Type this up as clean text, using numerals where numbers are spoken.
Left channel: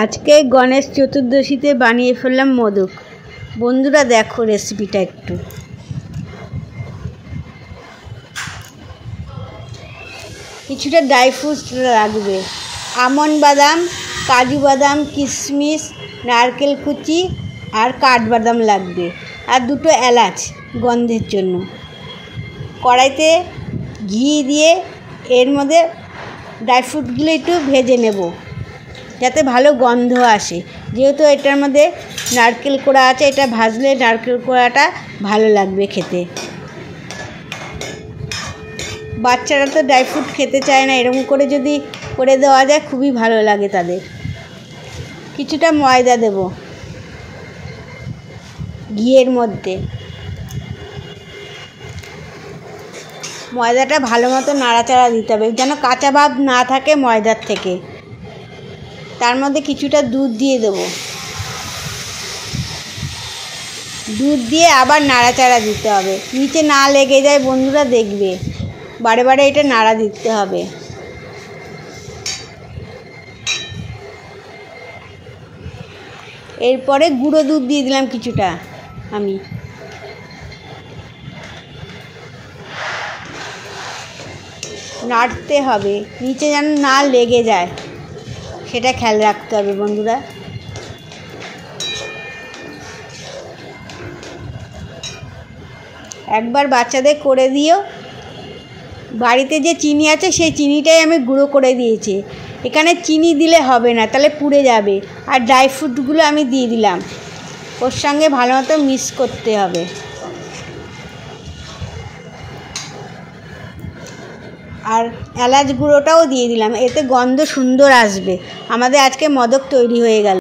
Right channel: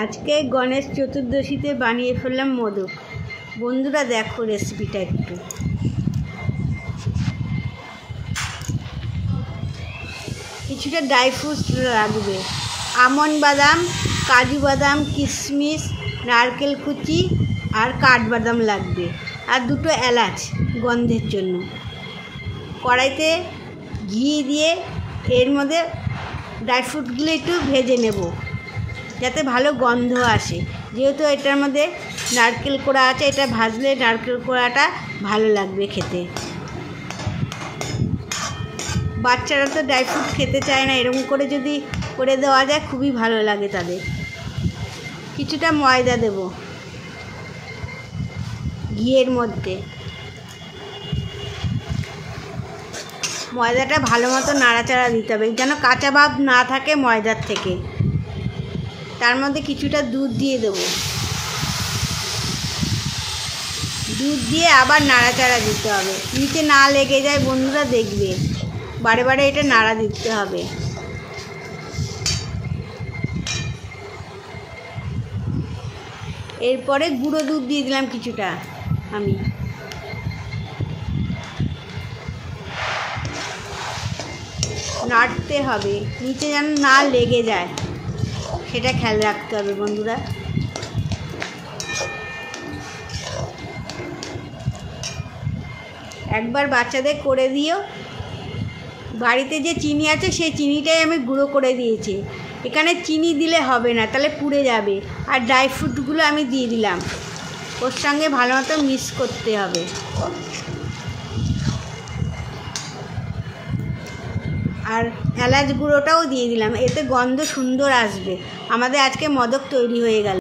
আজকে গণেশ চতুর্দশীতে বানিয়ে ফেললাম মোদক। বন্ধুরা দেখো রেসিপিটা একটু। কিছুটা ড্রাই ফ্রুটস লাগবে, আমন্ড বাদাম, কাজু বাদাম, কিশমিশ, নারকেল কুচি আর কাঠবাদাম লাগবে, আর দুটো এলাচ গন্ধের জন্য। কড়াইতে ঘি দিয়ে এর মধ্যে ড্রাই ফ্রুটগুলো একটু ভেজে নেব যাতে ভালো গন্ধ আসে। যেহেতু এটার মধ্যে নারকেল কোড়া আছে, এটা ভাজলে নারকেল কোড়াটা ভালো লাগবে খেতে। বাচ্চারা তো ড্রাই ফ্রুট খেতে চায় না, এরকম করে যদি করে দেওয়া যায় খুবই ভালো লাগে তাদের। কিছুটা ময়দা দেব ঘিয়ের মধ্যে। ময়দাটা ভালো মতো নাড়াচাড়া দিতে হবে যেন কাঁচা ভাব না থাকে ময়দার থেকে। তার মধ্যে কিছুটা দুধ দিয়ে দেব, দুধ দিয়ে আবার নাড়াচাড়া দিতে হবে, নিচে না লেগে যায়। বন্ধুরা দেখবে বারে বারে এটা নাড়া দিতে হবে। এরপরে গুঁড়ো দুধ দিয়ে দিলাম কিছুটা আমি। নাড়তে হবে নিচে যেন না লেগে যায়, সেটা খেয়াল রাখতে হবে বন্ধুরা। একবার বাচ্চাদের করে দিও। বাড়িতে যে চিনি আছে সেই চিনিটাই আমি গুঁড়ো করে দিয়েছি। এখানে চিনি দিলে হবে না, তাহলে পুড়ে যাবে। আর ড্রাই ফ্রুটগুলো আমি দিয়ে দিলাম, ওর সঙ্গে ভালো মতো মিক্স করতে হবে। আর এলাচ গুঁড়োটাও দিয়ে দিলাম, এতে গন্ধ সুন্দর আসবে। আমাদের আজকে মোদক তৈরি হয়ে গেল।